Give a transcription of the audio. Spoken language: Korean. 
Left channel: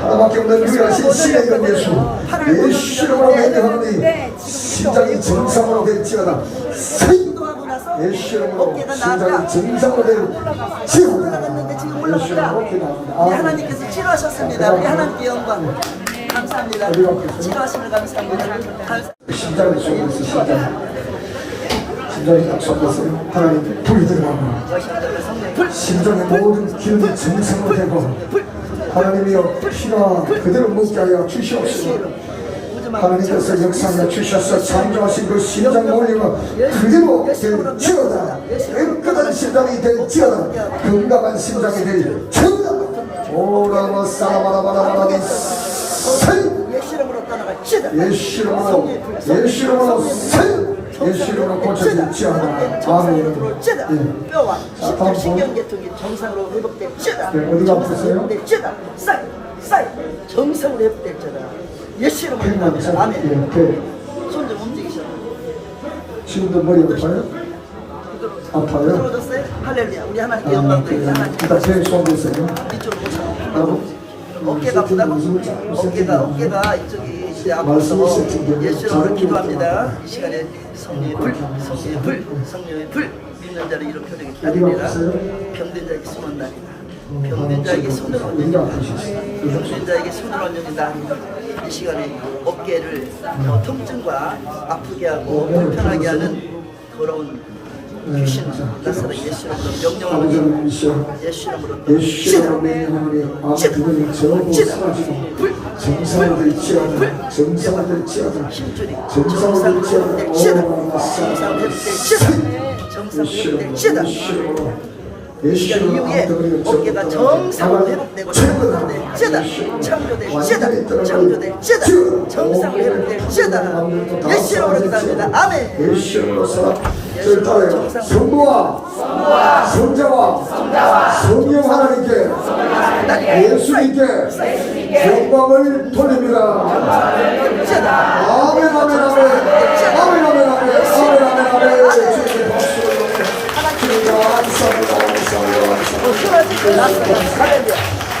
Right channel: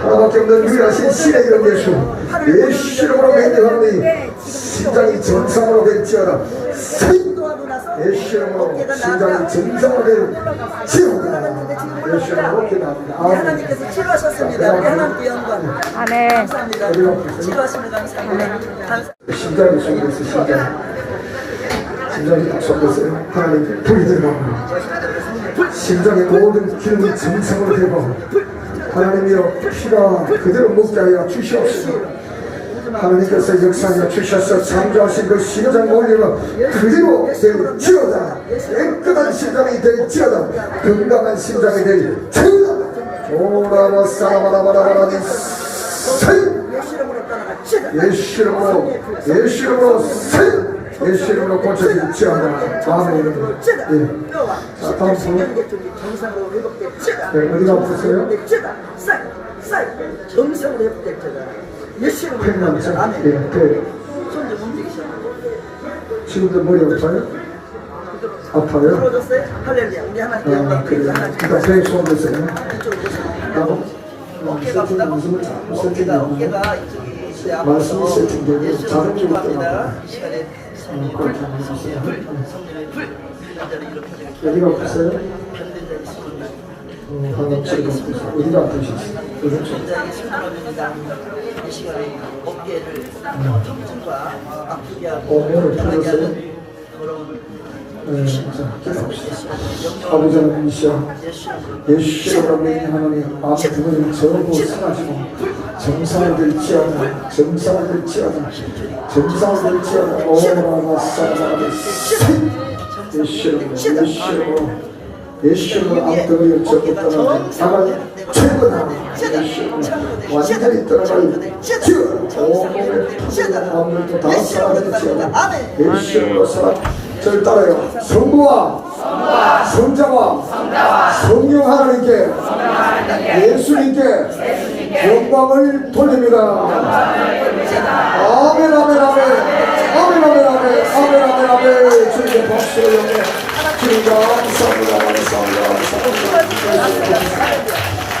하나밖에 없는 유일하신 신의 이름 예수 예수 이름으로 명령하노니 심장이 정상으로 될지어다 예수 이름으로 심장이 정상으로 될지어다 예수 이름으로 아멘 하나님께서 치료하셨습니다. 우리 하나님께 영광. 아멘. 감사합니다. 치료하심을 감사합니다. 감사. 심장이 속에서 심장 심장이 딱 속에서 하나님 불이 들어가고. 심장의 모든 기능이 정상으로 되고 하나님이여 피가 그대로 하여 주시옵소서. 하나님께서 역사하여 주셔서 창조하신 그 심장 원리가 그대로 될지어다. 깨끗한 심장이 될지어다. 건강한 심장이 될지어다. 오라마 사라바라바라바라니 세. 예수 이름으로. 예수 이름으로 예수 이름으로 세 예수 이름으로 고쳐질지어다 아멘 들어올지다. 예. 뼈와 자, 다음 십대 신경계통이 정상으로 회복될지다. 네, 어디가 아프세요? 회복될지다. 쌀, 쌀 정상으로 회복될지다. 예수 이름으로 회복됩니다. 아멘. 예, 그 손좀 움직이셔도 지금도 머리 아파요? 아파요? 들어줬어요? 할렐루야. 우리 하나님께 아, 영광 그래요. 드립니다. 하나님. 일단 제일 손 드세요. 이쪽으로. 나도 어깨가 아프다고? 무슨 무슨 어깨가 어깨가 이쪽이 예수로 잘은 좀 기도합니다. 이 시간에 성령의 불, 성령의 불, 성령의 불 믿는 자를 어디가 기다립니다. 아프세요? 병든 자에게 숨은 날이다. 음, 병든 자에게. 아프시지? 병든 자에게 숨는 원년이다. 이 시간에 어깨를 어, 통증과 아프게 하고 불편하게? 하는 더러운 네, 귀신 자, 나사를 예수로 명령하는 아버지 하나님이시여 예수 이름으로 명령하노니 아무 부분이 전부 사라지고 정상을 될지어다 정상을 될지어다 정상을 될지어다 오라마 사라마 예수 이름으로 예수 이름으로 예수 이름으로 아무 부분이 어깨가 전부 정상으로 떠나게 회복되고 완전히 떠나가니 창조될 찌다 찌어 정상으로 회복될 찌다 예수 이름으로 기도합니다 아멘 저를 따라요. 성부와 성자와 성령 하나님께 예수님께 영광을 돌립니다. 아멘 아멘 아멘 아멘 아멘 아멘 아멘 아멘 아멘 주님의 박수를 영광 드립니다. 감사합니다. 감사합니다. 감사합니다.